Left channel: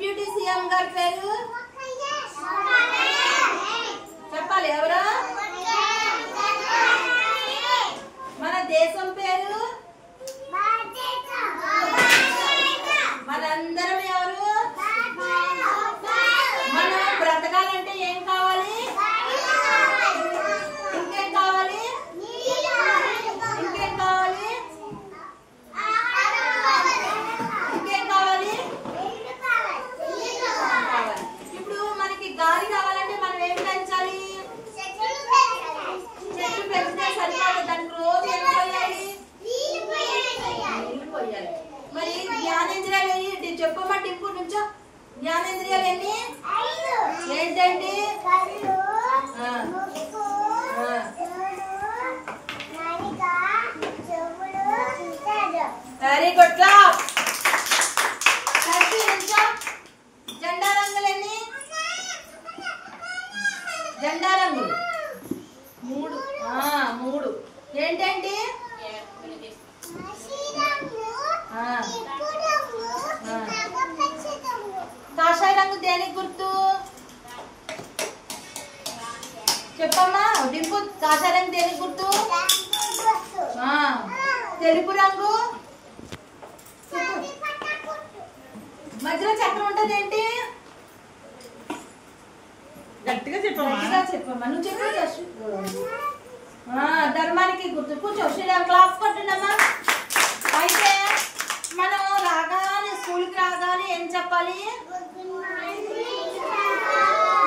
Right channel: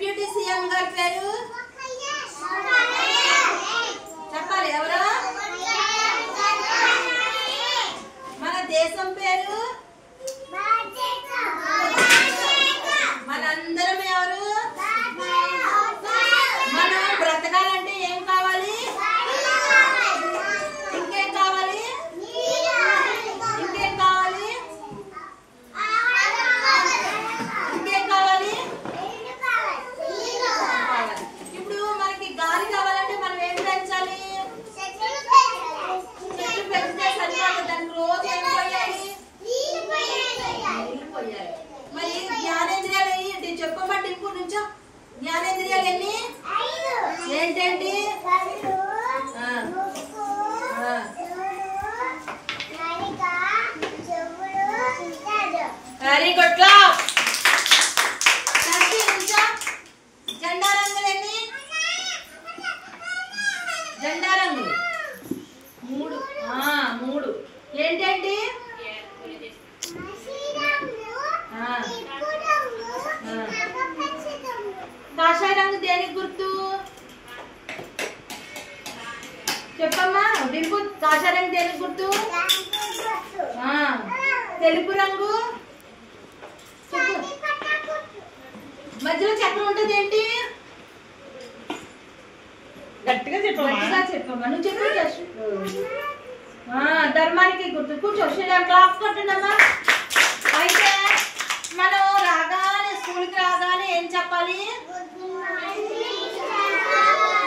Deputy CM గారి పేరు చెప్పాలి ఎవరు? మన దేశం పేరు మనందరం ఎవరు? మనం బ్రతకాలంటే ఏం కావాలి? ఇంకేం కావాలి? ఇంకేం కావాలి? ఇంకేం కావాలి? ఇప్పుడు మనకి గాలి కావాలంటే మనం ఏం పెంచాలి? చెట్లు పెంచితే సరిపోదు, దానికి రోజు ఏం పోయాలి? నీళ్ళు పోయాలి. మరి జ్ఞానేంద్రియాలు ఏంటి చెప్పమంటే ఇంకో నుంచో జ్ఞానేంద్రియాలు ఎన్ని? ఏంటండి? Very good class. జెండా రంగులు ఎన్ని? జెండా రంగులు 3. 3 ఏంటండి? కాషాయ రంగు దేనికి గుర్తు చెప్పమ్మా? డింపు కాషాయ రంగు దేనికి గుర్తు? తెలుపు రంగు మధ్యలో చక్రం ఉంటది ఏంటి? గట్టిగా చెప్పమ్మా. నువ్వు చెప్పు. ధర్మానికి గుర్తు. కూర్చో క్లాస్ కొట్టండమ్మా. అయితే మనం రాగానే స్కూల్కి రాగానే ఏం చెప్పాలి?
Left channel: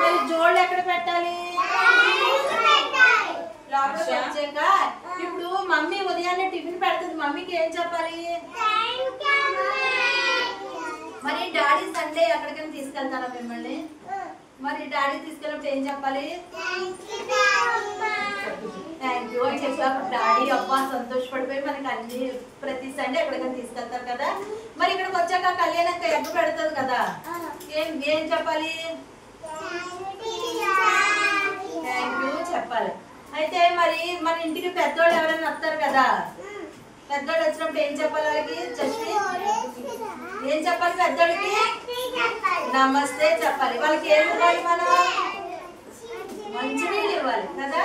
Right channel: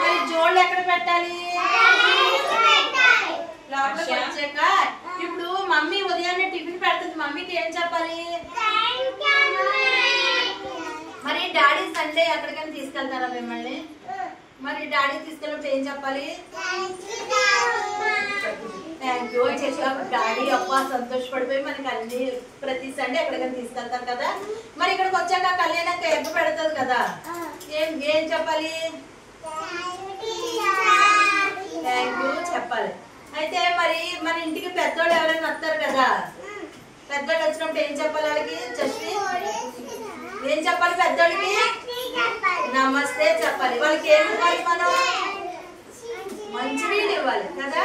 మరి జోళ్ళు ఎక్కడ పెట్టాలి? లోపలికి వచ్చాక ఇప్పుడు మమ్మీ ఉదయాన్నే టిఫిన్ పెడుతుంది, మమ్మీకి ఏం చెప్పాలి? మరి డాడీ సండే ఎక్కడికైనా తీసుకెళ్తారా మిమ్మల్ని? మరి డాడీ తీసుకెళ్ళినప్పుడు ఏం చెప్పాలి? థ్యాంక్ యూ అని చెప్పి డాడీ అబ్బా సంతోషపడిపోయి మనకి అన్ని ప్రతి సండే ఎక్కడికైనా తీసుకెళ్తారు కదా. మరి ఇక్కడికి వచ్చాక కళ్యాణక్క ఎగ్గు పెడుతుంది కదా, ఏం చెప్పాలి? థ్యాంక్ యూ చెప్పాలి. అయితే మరి మన ఇంటికి పెద్దోళ్ళు ఎవరైనా వస్తారు కదా, పెద్దోళ్ళు వచ్చినప్పుడు ఏం చెప్పాలి వాళ్ళకి? ఏం చెప్పాలి పెద్దోళ్ళకి? నమస్తే చెప్పాలి. వాళ్ళకి ఏమి ఇవ్వాలి? మనం మంచినీళ్ళు ఇవ్వాలి కదా.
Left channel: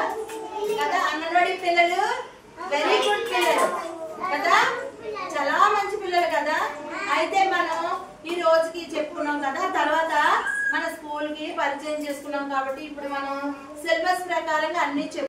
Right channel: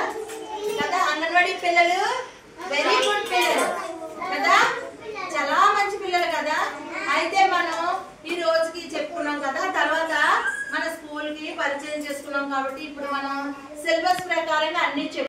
అంగన్వాడీ పిల్లలు వెరీ గుడ్ పిల్లలు కదా, చాలా మంచి పిల్లలు కదా. అయితే మనం ఈ రోజుకి చెప్పుకున్నాం కదా, తర్వాత మన స్కూల్ కి పరిచయం చేసుకున్నాం కాబట్టి ఇప్పుడు మనం సిలబస్ ప్రకారంగా అన్ని